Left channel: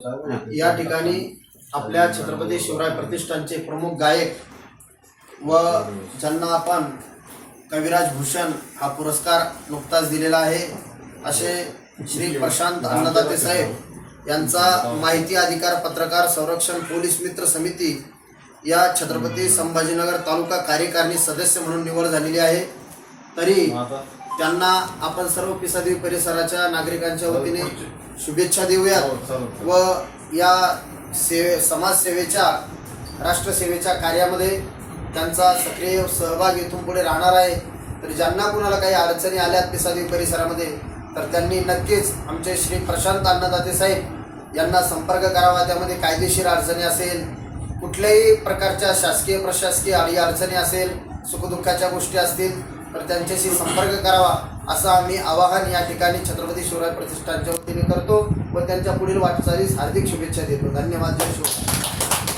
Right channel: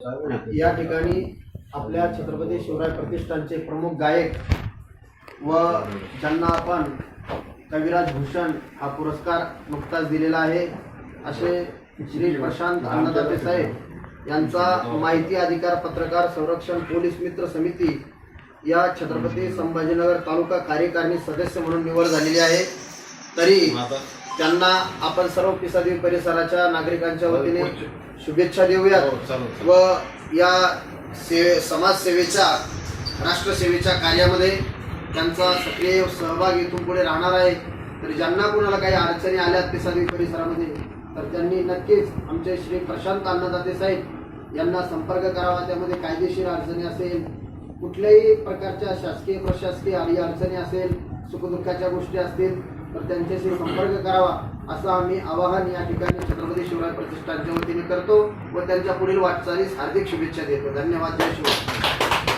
या ठिकाणी आपल्या छत्रपती शिवराय प्रतिष्ठानचे प्रमुख गायक व ज्यांना आपण कविराज भूषण हा पुरस्कार नुकताच दिलेला आहे असे श्री प्रशांत अन्नदाते साहेब यांचा माहिती अधिकार पत्रकार संरक्षण पोलीस मित्र समिती या छत्रपती संभाजीनगर तालुका कार्यकारिणी सदस्य म्हणून निवड झालेली आहे. तरी त्यांना आपण सर्व पिसादेवी परिसराच्या नागरिकांच्या वतीने शुभेच्छा देऊयात. व या सेवे समाजसेवेच्या राष्ट्रसेवेच्या कार्यामध्ये त्यांचा सक्रिय सहभाग इथून पुढे राहणार आहे. तर ज्यांना कुणाला काही अडचणी आल्यात पिसादेवी परिसरामध्ये तर त्यांनी नक्कीच आमचे श्री प्रशांत अन्नदाते साहेब यांना संपर्क करावा. त्यामध्ये कायदेशीर अडचणी असेल कुठल्याही प्रकारच्या शासकीय प्रशासकीय अडी अडचणी असेल सुखदुःखाच्या गोष्टी असतील तर त्यांच्याशी संपर्क करावा असं आम्ही आवाहन या ठिकाणी छत्रपती शिवराय प्रतिष्ठानच्या वतीने करतो व त्यांच्या पुढील वाटचालीस हार्दिक शुभेच्छा देतो. धन्यवाद. जय शिवराय.